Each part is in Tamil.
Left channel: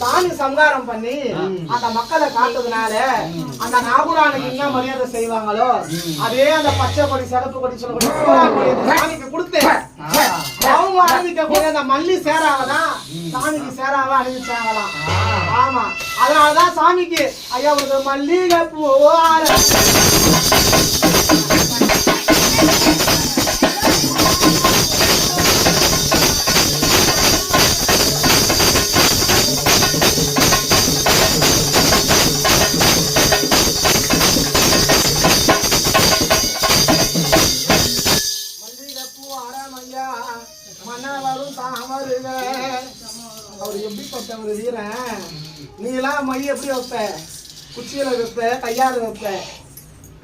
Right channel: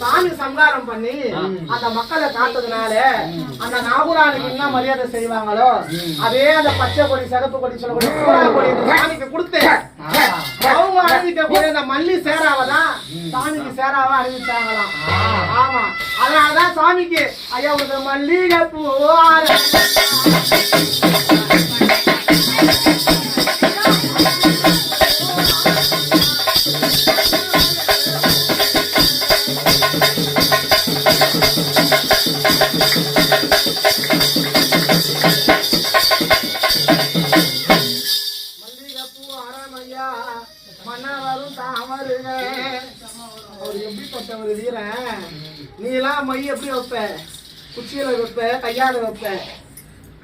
சாமி சங்காரம் பண்ணி அந்த மக்களை காட்டுறதுனால அந்த நாகூரானுக்கு என்ன மரியாதை செய்வாங்களோ அதே அந்த பச்சை கொடி சிகப்பு கொடி சொல்லக்கூடிய சோழா கொடி சாமிக்கு கொடுத்தேன். அவங்க அணிவிக்கக்கூடிய அந்த மல்லி சேராவதான் சாமிக்கு சேராவா அணிவிச்சாங்களாம். ஆமா, அதனாலதான் சாமிக்கு ஐயா ஒரு மல்லிகை பூ மன்னவரும் தாமருக. அவர் எப்படிப்பட்டவர் வீரன், நீலாம் மை எப்படி வைப்ப, குச்சியில வைப்ப, கையால வைப்ப,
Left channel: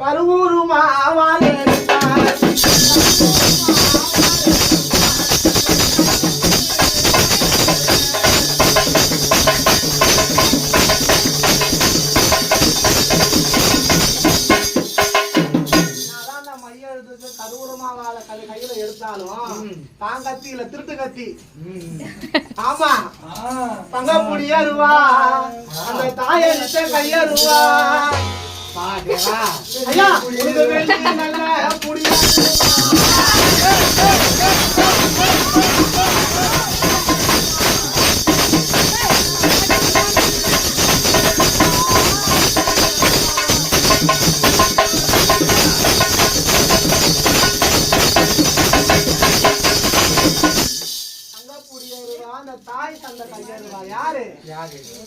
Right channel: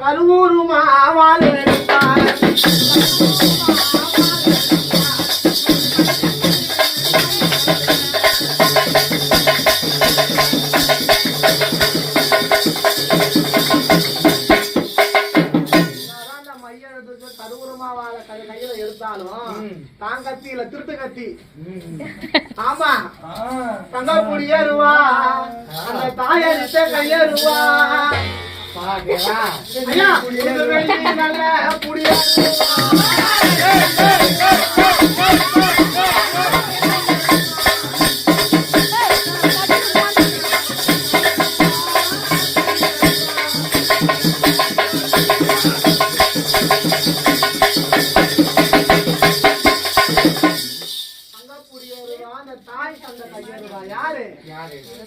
கருவூரு மாவால் கையில எடுத்தாலும் தான் கத்தி இல்ல திருட்டு கத்தி. ஆமா, தங்கக்கூடிய ரூவா அந்த தாயடிச்ச கையருவா. ஐயா நல்ல புடியா தாய் தந்த கையருவா. யாரு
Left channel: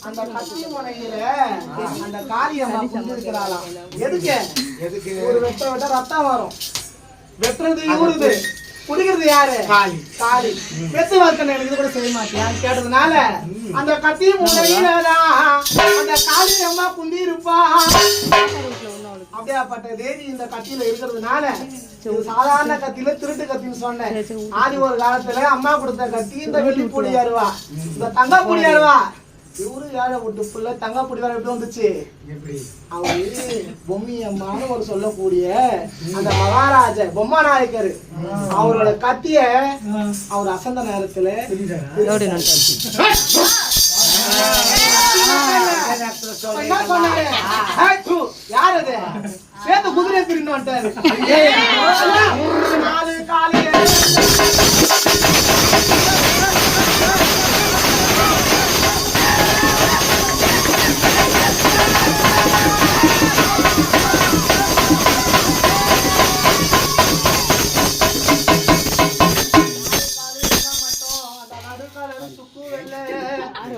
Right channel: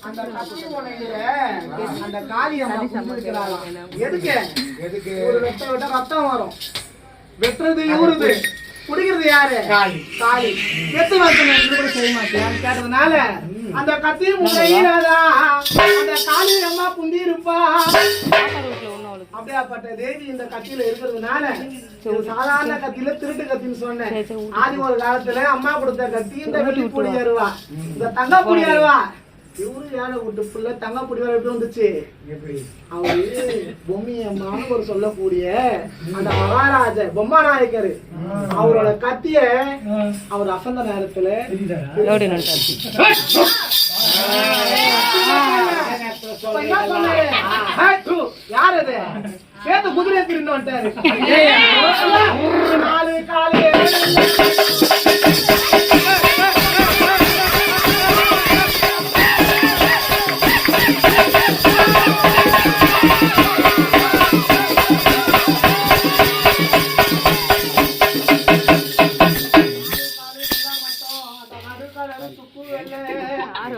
அந்த கத்தி முனையில அந்த காளியம்மா இருக்கிறாளாம். எதுக்கு ஒரு வெட்ட வெட்ட ரத்தம் வரும். வெட்டுறது இவருது, குடிக்கிறது யாரு? காளி. வெத்து வாசனை கூட செய்ய மாட்டேன் கேட்டதுனால அந்த கத்தி முனையிலதான் அந்த காளியம்மா புந்தி இருப்பா. அப்படியாப்பட்ட தேவி இந்த கத்தியில இருக்கிறதுனால சாதாரண கத்தியில திருட்டு கத்தின்னு சொன்னேன். ஆதி ஒரு காலத்துல அம்மா கொடுத்த கத்தி இந்த வெள்ளிப்பொடி அருவா, இந்த தங்கப்பொடி அருவா. இவரு ஏழை விட்டு புள்ள தங்கப்பொடி வேற எப்படி வந்துச்சு? அவரு பொம்மியம்மான்னு ஒரு சொல்லக்கூடிய அந்த மகாராஜ பொம்மா நாயக்கர் அவரோட கத்திய அவர் அசந்த நேரத்துல யாரு சேர்த்து குதிரையை திருண்டு வந்துட்டாரு.